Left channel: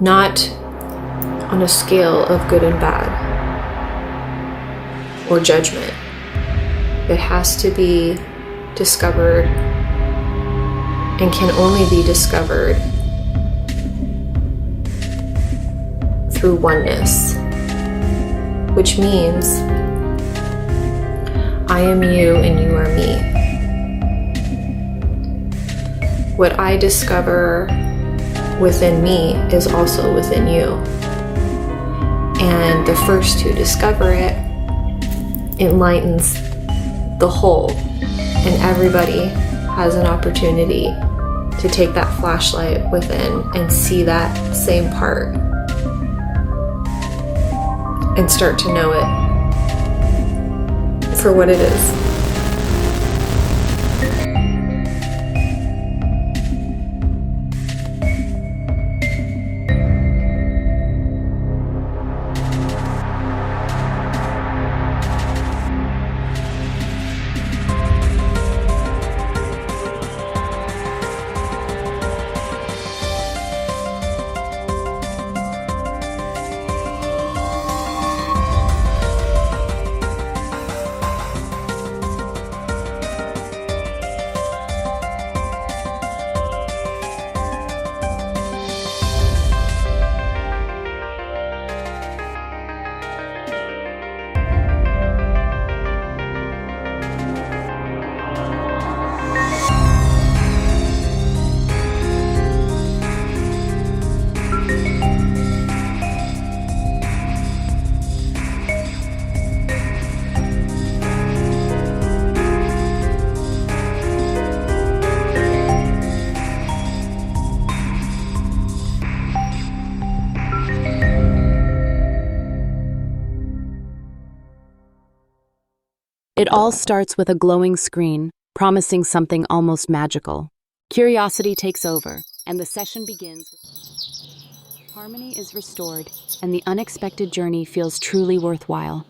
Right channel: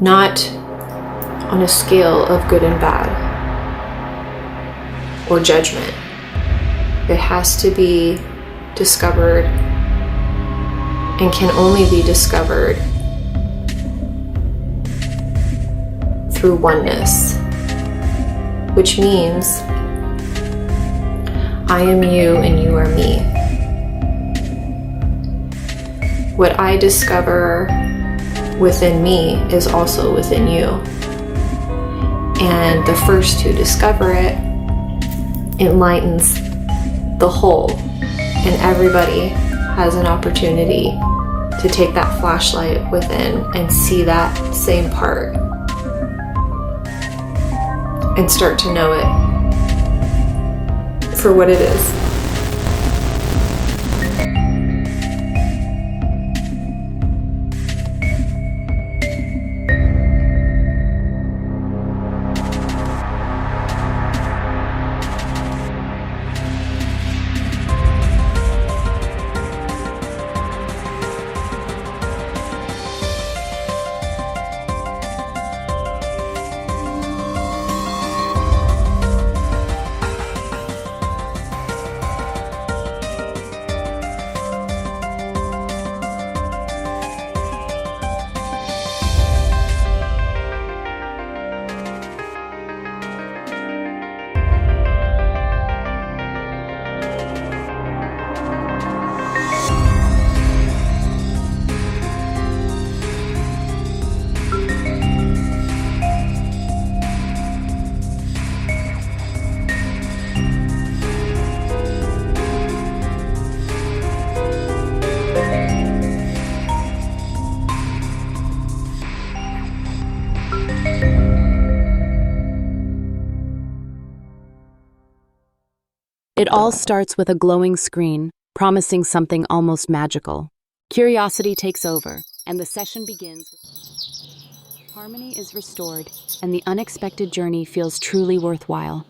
not on a scale of good and bad or judgment. It has to be discovered and can only be discovered through oneness, which means I am you and you are me. What I discover within me is also within you. And the first to discover it enlightens the whole, and everybody has an opportunity to take that flashlight within and see that same part and start to know it for what it is. It all starts with a glowing screen, promising something almost magical. Curiosity takes over, and the session begins. Harmony is restored, and the unexpected journey feels truly worthwhile.